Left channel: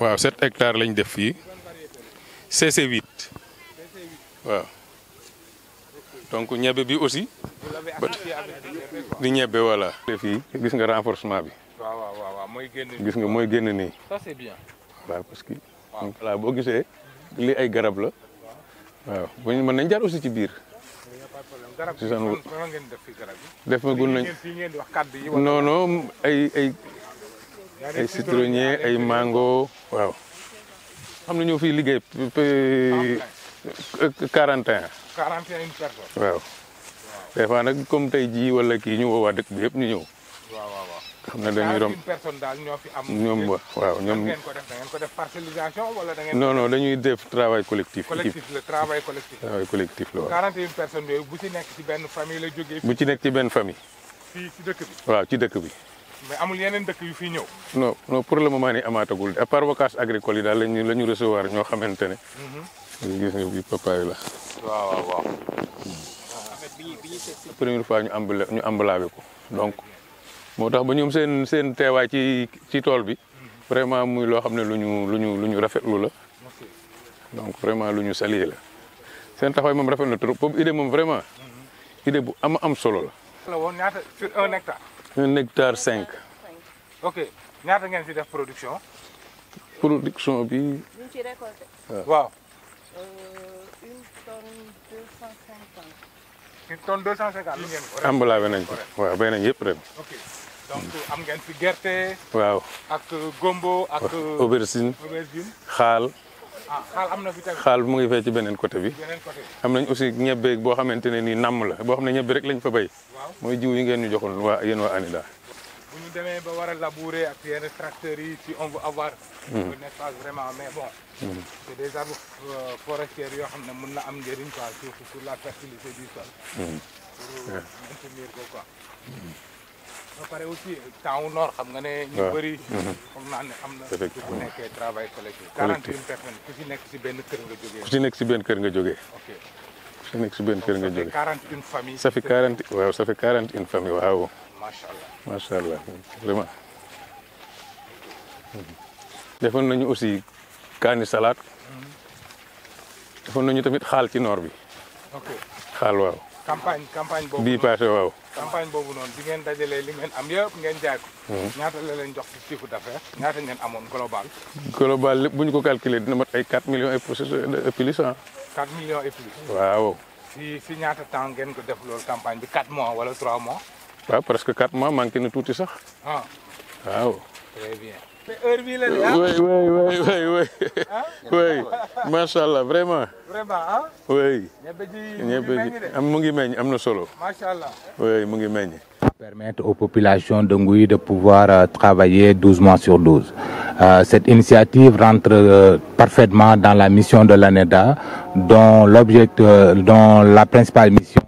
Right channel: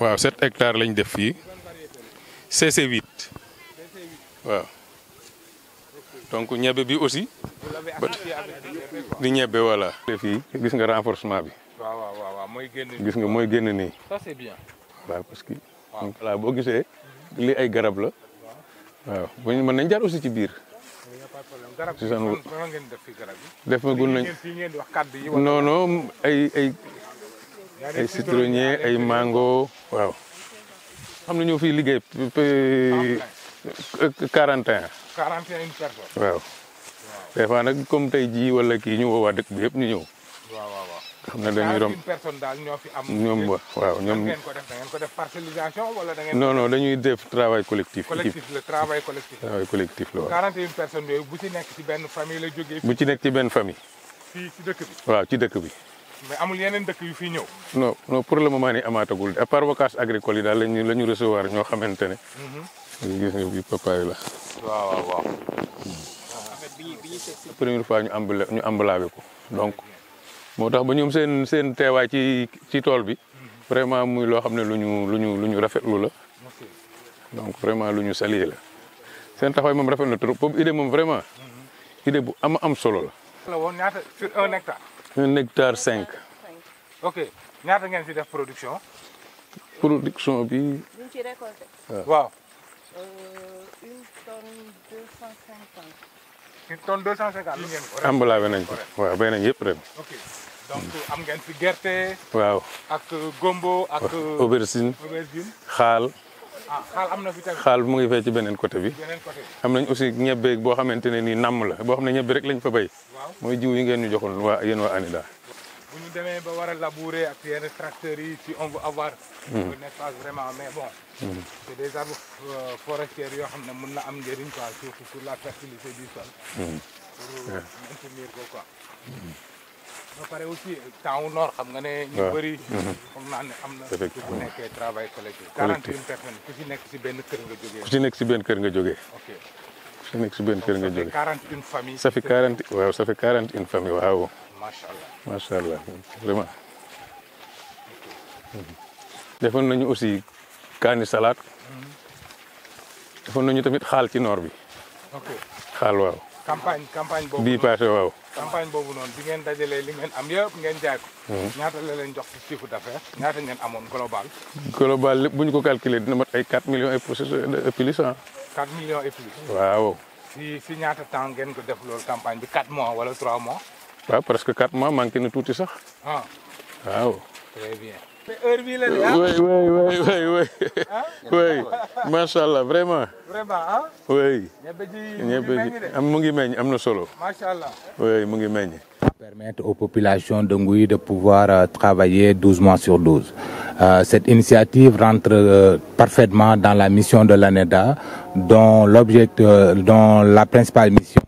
waaw 7 hectares lañ def fii CC8 waaw donc ñebe bi aussi di ñebe voilà. fii gis nga renforcement bi. waaw mooy génn. gis nga mooy génn nii. ça c'est bien. waaw parce que. voilà boo gisee lii ay garab la. waaw bu ñu mën nañ jaar aussi ci biir. garab si seen ngeen def fi garab yi. def na gun nañ fii ngeen di wax kàddu yi. non non ay citronnier ay mango waaw. xam na ñoo fiy liggéey 41. 41 personnes. waaw. des fois nag comme tey jii wala kii ñu woo waa dëkk bi yëpp ñu ñëw. waaw. xam na dañuy romb 41 personnes daal ñoo fi am. ñoom waaw ñoom. ngeen ko def da ngeen ko def parcellisation wala da ngeen. non dañuy def travail collectif. collectif le travail collectif. travail collectif la waaw. 41 personnes yooyu bu ci nekk ci benn famille la jógee. bu ci nekk ci benn famille. fii ci dëkk bi. waaw ci dëkk bi. mais amul yeneen dëkk yu fii ñëw. non pour le moment nii amaatagul à part vacances agricoles yi daal la ñu recevoir ñoo xamante ne. gis nga bi papaay la. waaw. première fois ñu emballé ko donc moo tax ba ñoom seen teewaay ci tool bi vraiment muy loo xam ne lu ñu rafetlu la donc vraiment lu ñu saluer la seen taxawaay moom rafet na trop boobu idée moom vraiment idée bu am solo la. la woon ñaata sur 1 hectare. 1 hectare 5. ok ñaata ngeen ci def production. production bi. waaw. 1 tonne 250. 1 tonne 250 li ngeen ko. emballé nañ ko waaw bay nañ yëpp ren. ok donc am ngeen fi gerte. waaw ak gombo ak. aubergine. xaal. xaal am na fi tamit. xaal mu ngi fee ci beneen côté bi. beneen côté bi. am nañ aussi ñebe boo xamante ne nii namm la boo xam ne ñebe rek lañ fa béy. waaw mooy jiw yi ngeen ñu joxoon yéen waa ANIDA. bu ñu demee ba war a labourer ak yenn tracteurs yi si on veut avoir. un espace vraiment mais bon. c'est des arbres forestiers yoo xam ne mën na am njëriñ quoi surtout sur la fertilité du sol. pour maintenir ko quoi. ba pare aussi temps wu noor xam nga ne. ñu bëri. foog naa ne am na. bu nekkee travail collectif. 41 personnes ku ci nekk si benn kër nga jógee. ku ci nekk si benn kër nga jógee. ok ku ci nekk si benn kër nga jógee. 41 familles. ça fait 40 waaw ça fait 41 familles waaw. macha allah vraiment. defoon nañu aussi kaani salade. defoon nañu tamit xaal ci noor bi. ok xaal waaw. campagne boobu bii passé waaw. campagne boobu noonu bi ngeen dajalee li ngeen am yëpp ngeen jaay ko. ñaata la leen jox ci chiffre d'affaires ñaata ngeen amoon global. global lépp bu ñu ko calculer dina mat ay 4 millions et plus ah. 4 millions et plus. waaw. si ñaata temps ngeen ko def loolu campagne bi 4 mois wala 3 mois. waaw presque 4 mois manqué na tuuti sax. ah waaw. très bien. mais heure bii la de ah. oui macha allah vraiment. vraiment ah. oui. ñebe ji mu ngi meññ am na solo. macha allah. oui mu ngi meññ. Permettre aux populations de Ngouy de pouvoir travailler 12 mois sur 12. Cette initiative rentre parfaitement dans la mission de l'ANEDA, dont la principale mission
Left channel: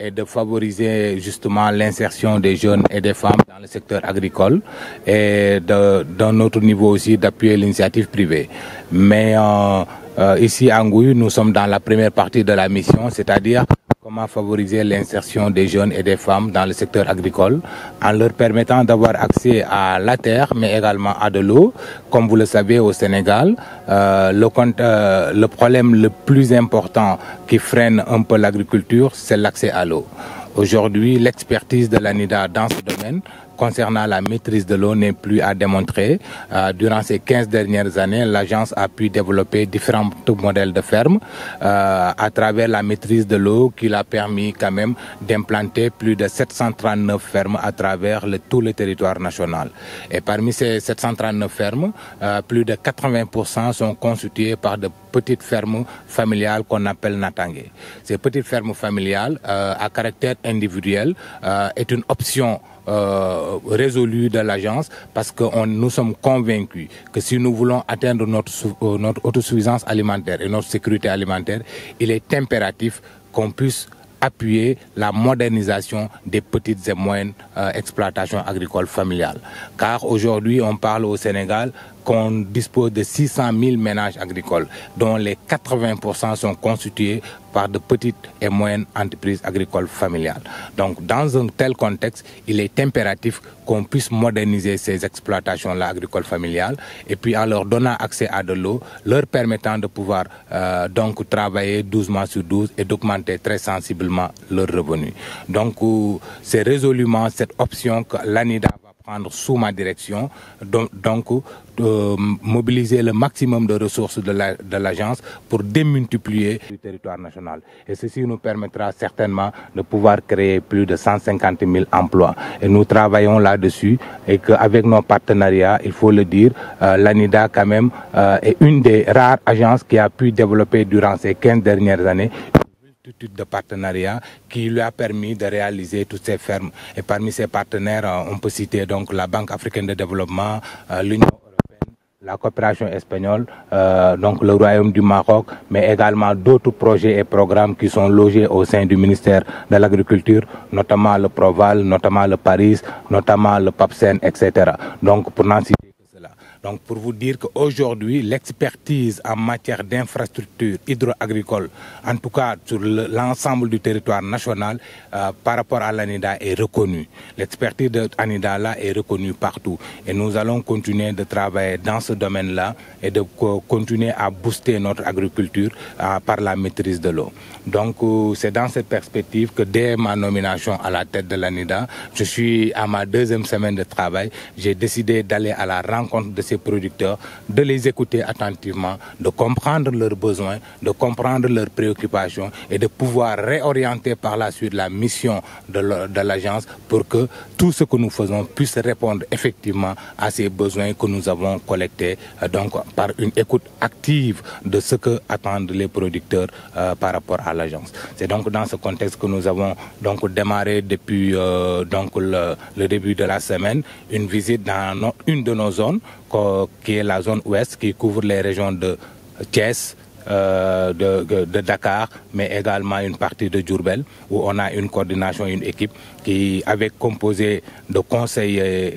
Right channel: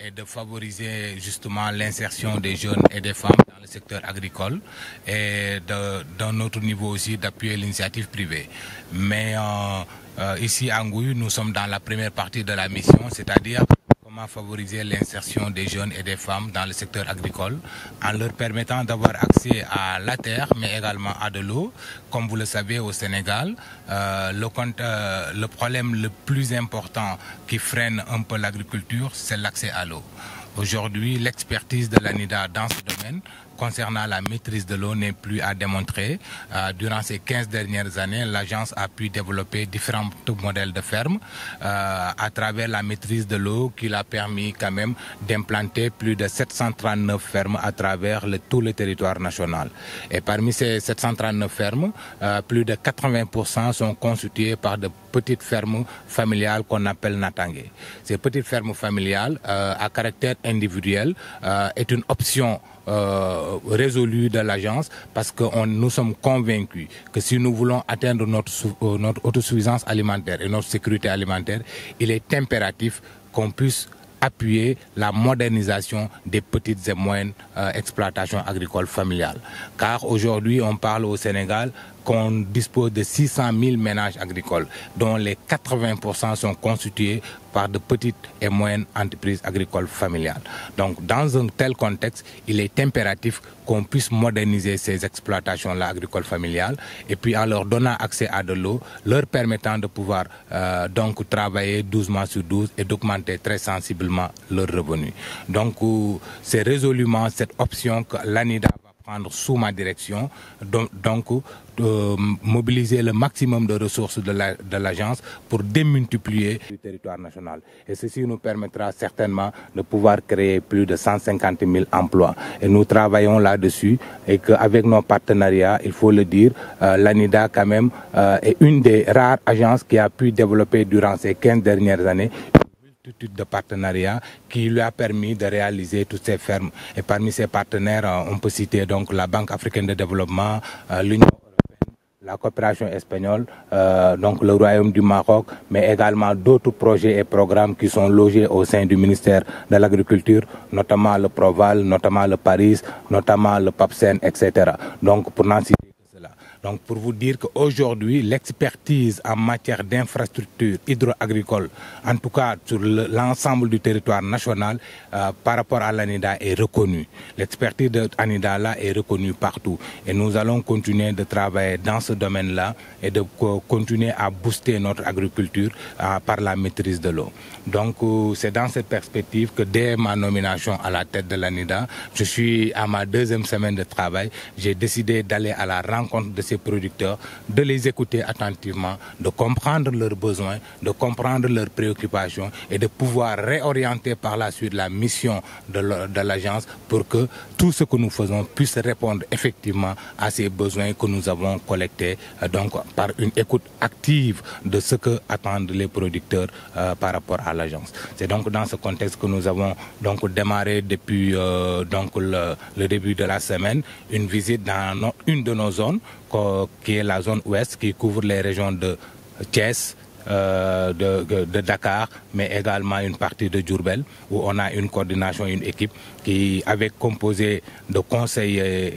est de favoriser justement l'insertion des jeunes et des femmes dans le secteur agricole et d'un autre niveau aussi d'appuyer l'initiative privée. Mais ici à Ngouy, nous sommes dans la première partie de la mission, c'est-à-dire comment favoriser l'insertion des jeunes et des femmes dans le secteur agricole en leur permettant d'avoir accès à la terre, mais également à de l'eau. Comme vous le savez, au Sénégal, le problème le plus important qui freine un peu l'agriculture, c'est l'accès à l'eau. Aujourd'hui, l'expertise de l'ANIDA dans ce domaine concernant la maîtrise de l'eau n'est plus à démontrer. Durant ces 15 dernières années, l'agence a pu développer différents modèles de fermes à travers la maîtrise de l'eau qui l'a permis quand même d'implanter plus de 739 fermes à travers tout le territoire national. Et parmi ces 739 fermes, plus de 80% sont constituées par de petites fermes familiales qu'on appelle natangé. Ces petites fermes familiales à caractère individuel est une option résolue de l'agence parce que nous sommes convaincus que si nous voulons atteindre notre autosuffisance alimentaire et notre sécurité alimentaire, il est impératif qu'on puisse appuyer la modernisation des petites et moyennes exploitations agricoles familiales. Car aujourd'hui, on parle au Sénégal qu'on dispose de 600 000 ménages agricoles, dont les 80% sont constitués par de petites et moyennes entreprises agricoles familiales. Donc, dans un tel contexte, il est impératif qu'on puisse moderniser ces exploitations-là agricoles familiales et puis en leur donnant accès à de l'eau, leur permettant de pouvoir donc travailler 12 mois sur 12 et d'augmenter très sensiblement leurs revenus. Donc, c'est résolument cette option que l'ANIDA va prendre sous ma direction, donc mobiliser le maximum de ressources de l'agence pour démultiplier le territoire national. Et ceci nous permettra certainement de pouvoir créer plus de 150 000 emplois. Et nous travaillons là-dessus et qu'avec nos partenariats, il faut le dire, l'ANIDA quand même est une des rares agences qui a pu développer durant ces 15 dernières années une multitude de partenariats qui lui a permis de réaliser toutes ces fermes. Et parmi ces partenaires, on peut citer donc la Banque africaine de développement, l'Union, la coopération espagnole, donc le Royaume du Maroc, mais également d'autres projets et programmes qui sont logés au sein du ministère de l'Agriculture, notamment le Proval, notamment le Paris, notamment le PAPSEN, etc. Donc pour n'en citer que cela. Donc pour vous dire qu'aujourd'hui, l'expertise en matière d'infrastructures hydro-agricoles, en tout cas sur l'ensemble du territoire national, par rapport à l'ANIDA est reconnue. L'expertise de l'ANIDA là est reconnue partout. Et nous allons continuer de travailler dans ce domaine-là et de continuer à booster notre agriculture par la maîtrise de l'eau. Donc c'est dans cette perspective que dès ma nomination à la tête de l'ANIDA, je suis à ma 2e semaine de travail, j'ai décidé d'aller à la rencontre de ces producteurs, de les écouter attentivement, de comprendre leurs besoins, de comprendre leurs préoccupations et de pouvoir réorienter par la suite la mission de l'agence pour que tout ce que nous faisons puisse répondre effectivement à ces besoins que nous avons collectés, donc par une écoute active de ce que attendent les producteurs par rapport à l'agence. C'est donc dans ce contexte que nous avons donc démarré depuis donc le début de la semaine une visite dans une de nos zones, qui est la zone ouest, qui couvre les régions de Thiès, de Dakar, mais également une partie de Diourbel, où on a une coordination, une équipe qui avait composé de conseillers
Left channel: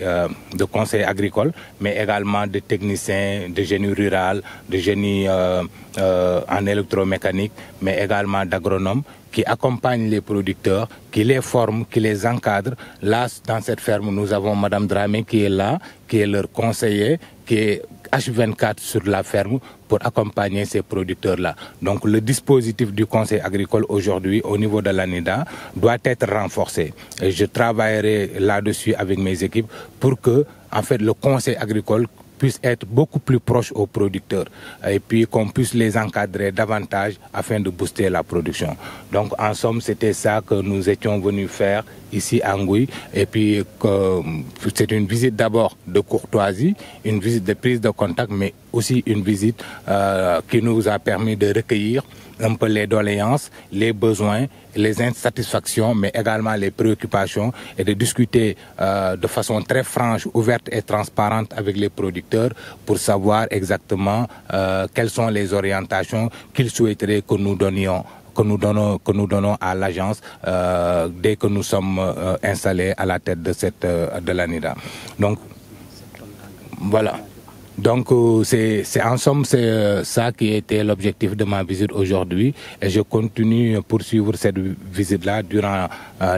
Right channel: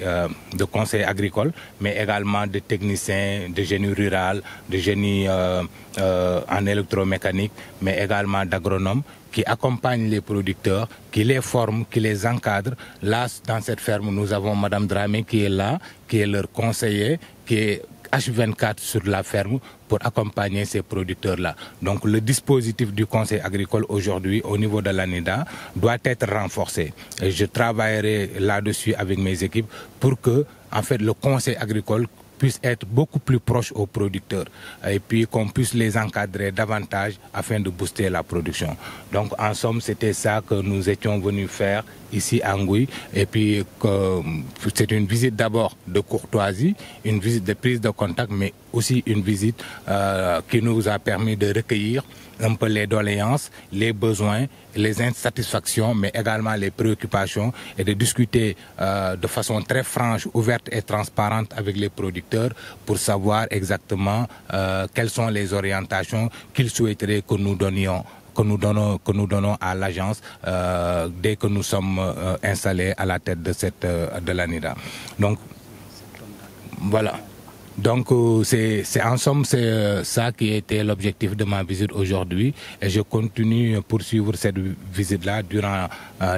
agricoles, mais également de techniciens, de génie rural, de génie en électromécanique, mais également d'agronomes qui accompagnent les producteurs, qui les forment, qui les encadrent. Là, dans cette ferme, nous avons Madame Dramé qui est là, qui est leur conseiller, qui est H24 sur la ferme pour accompagner ces producteurs-là. Donc le dispositif du conseil agricole aujourd'hui au niveau de l'ANIDA doit être renforcé. Et je travaillerai là-dessus avec mes équipes pour que en fait, le conseil agricole puisse être beaucoup plus proche aux producteurs et puis qu'on puisse les encadrer davantage afin de booster la production. Donc en somme, c'était ça que nous étions venus faire ici à Ngouy. Et puis c'est une visite d'abord de courtoisie, une visite de prise de contact, mais aussi une visite qui nous a permis de recueillir un peu les doléances, les besoins, les insatisfactions, mais également les préoccupations et de discuter de façon très franche, ouverte et transparente avec les producteurs pour savoir exactement quelles sont les orientations qu'ils souhaiteraient que nous donnions que nous donnons à l'agence dès que nous sommes installés à la tête de l'ANIDA. Donc voilà. Donc c'est en somme c'est ça qui était l'objectif de ma visite aujourd'hui et je continue à poursuivre cette visite-là durant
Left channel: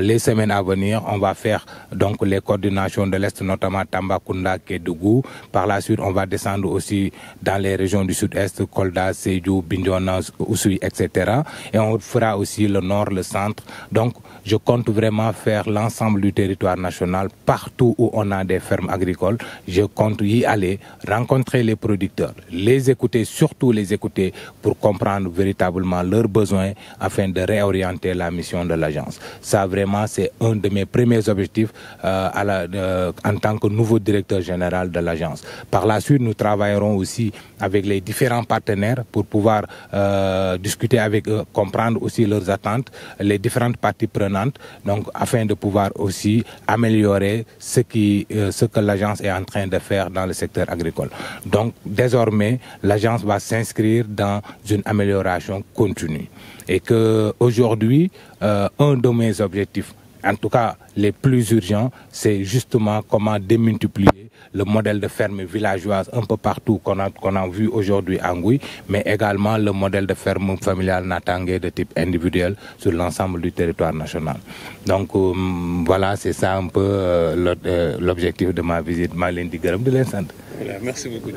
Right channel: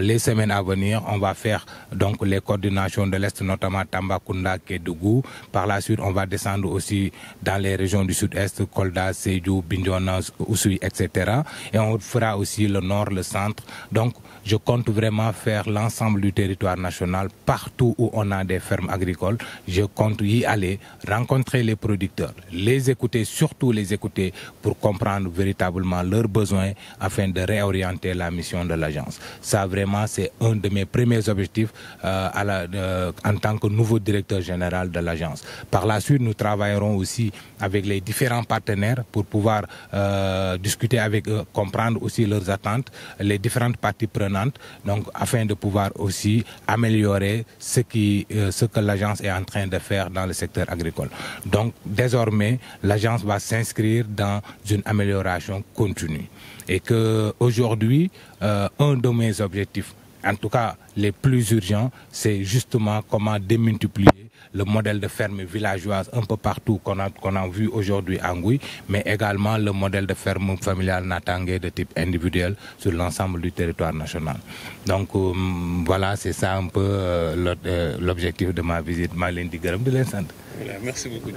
les semaines à venir. On va faire donc les coordinations de l'Est, notamment Tambacounda, Kédougou. Par la suite, on va descendre aussi dans les régions du Sud-Est, Kolda, Sédhiou, Bignona, Oussouye, etc. Et on fera aussi le Nord, le Centre. Donc je compte vraiment faire l'ensemble du territoire national, partout où on a des fermes agricoles. Je compte y aller, rencontrer les producteurs, les écouter, surtout les écouter pour comprendre véritablement leurs besoins afin de réorienter la mission de l'agence. Ça vraiment c'est un de mes premiers objectifs en tant que nouveau directeur général de l'agence. Par la suite, nous travaillerons aussi avec les différents partenaires pour pouvoir discuter avec eux, comprendre aussi leurs attentes, les différentes parties prenantes, donc afin de pouvoir aussi améliorer ce que l'agence est en train de faire dans le secteur agricole. Donc désormais, l'agence va s'inscrire dans une amélioration continue et que aujourd'hui, un de mes objectifs En tout cas, les plus urgents, c'est justement comment démultiplier le modèle de ferme villageoise un peu partout qu'on a vu aujourd'hui à Ngouy, mais également le modèle de ferme familiale Natangué de type individuel sur l'ensemble du territoire national. Donc voilà, c'est ça un peu l'objectif de ma visite. Merci beaucoup.